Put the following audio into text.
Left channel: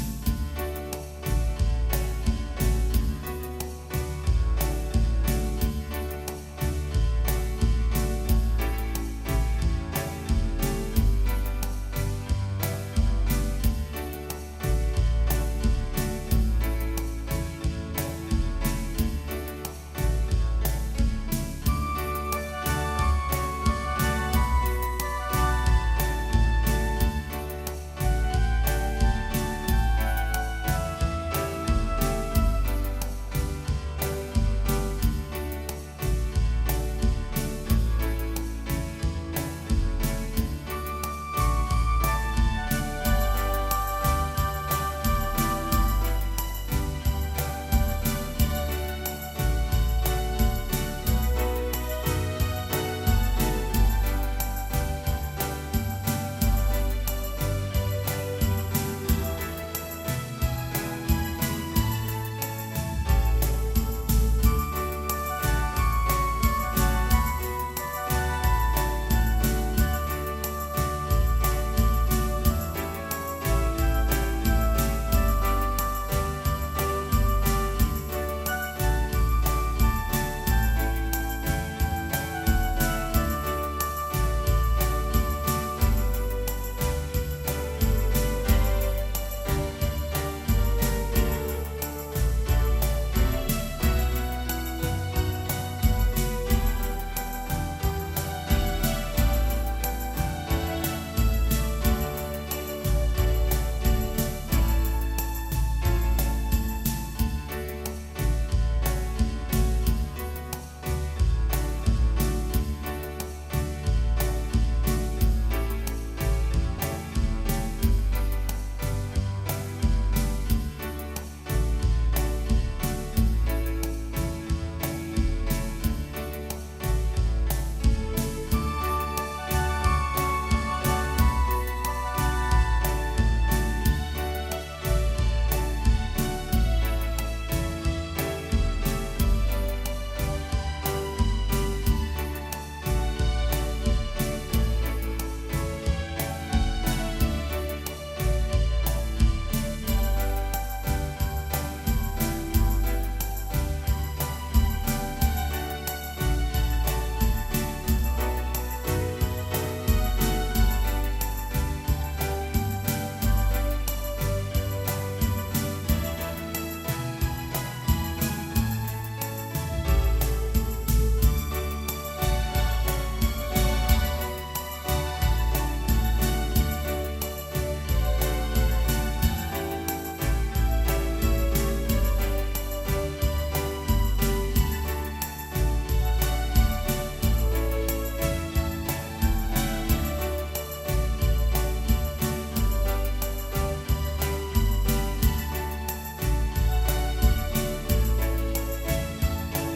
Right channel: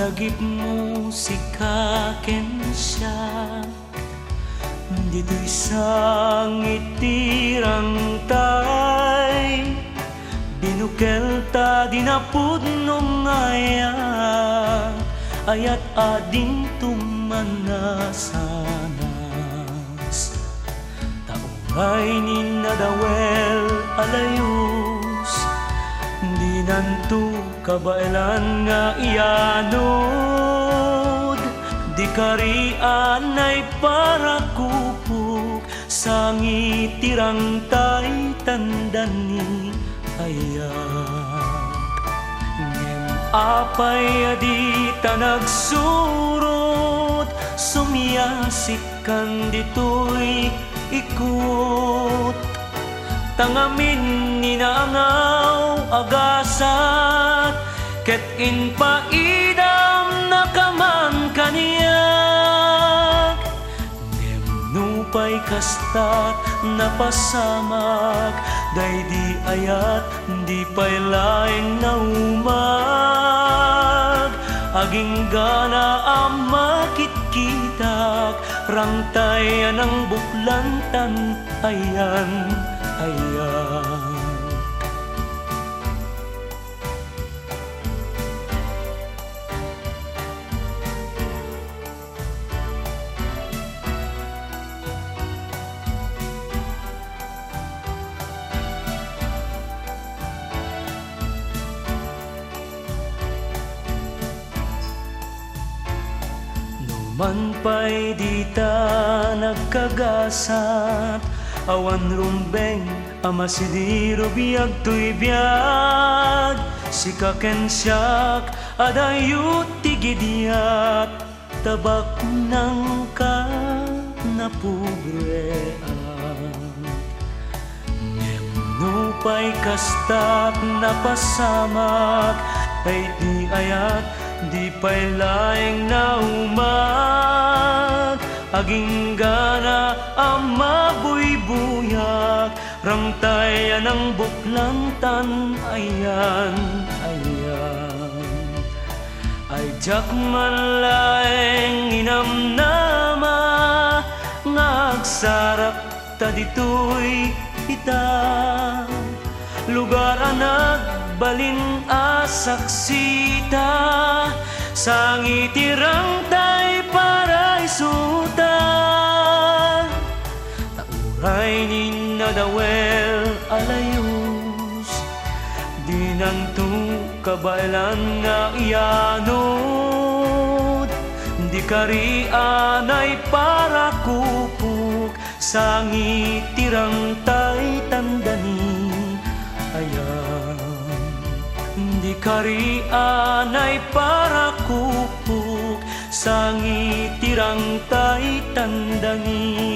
lagip musika ken siya dito'y sang itirang tay binukel ta dinapudno ngaya ayat ading tumanasanas taungay ni nadawel alayus di nanto kabailan nga iyanod di karian ay para kupuk sangitirang tay tandani ayat ngem apay adita nagsurot sumiyasikan dito'y ikot tangamin ninangaw agasat ket inpaidam nakaman kaniya nupay kastat napasamag day di ayat di pay laeng naumag aging gana ang makitkitak rangtayan ang buklantan ayan ayan. Man pa'y di ta nagkagasat awan rumbeng ama sidiro biyag tuy biyag sikaken siyak adayut tigidiat tabak ng ka napugrean ngem pa'y kastat napasamak tay di ayat di pa'y laeng naumag aging gana ang mabuybuyak rangtayan ang buklantan ayan ayan ay jak man laeng inamnama ngagsarak ta dito'y ita lugar nagbalin asaksita sangitirang tay para isuta takuhay ni nadawel alayus di nanto kabailan nga iyanod di karian ay para kupuk sangitirang tay tandani ayan di karian ay para kupuk sangitirang tay tandani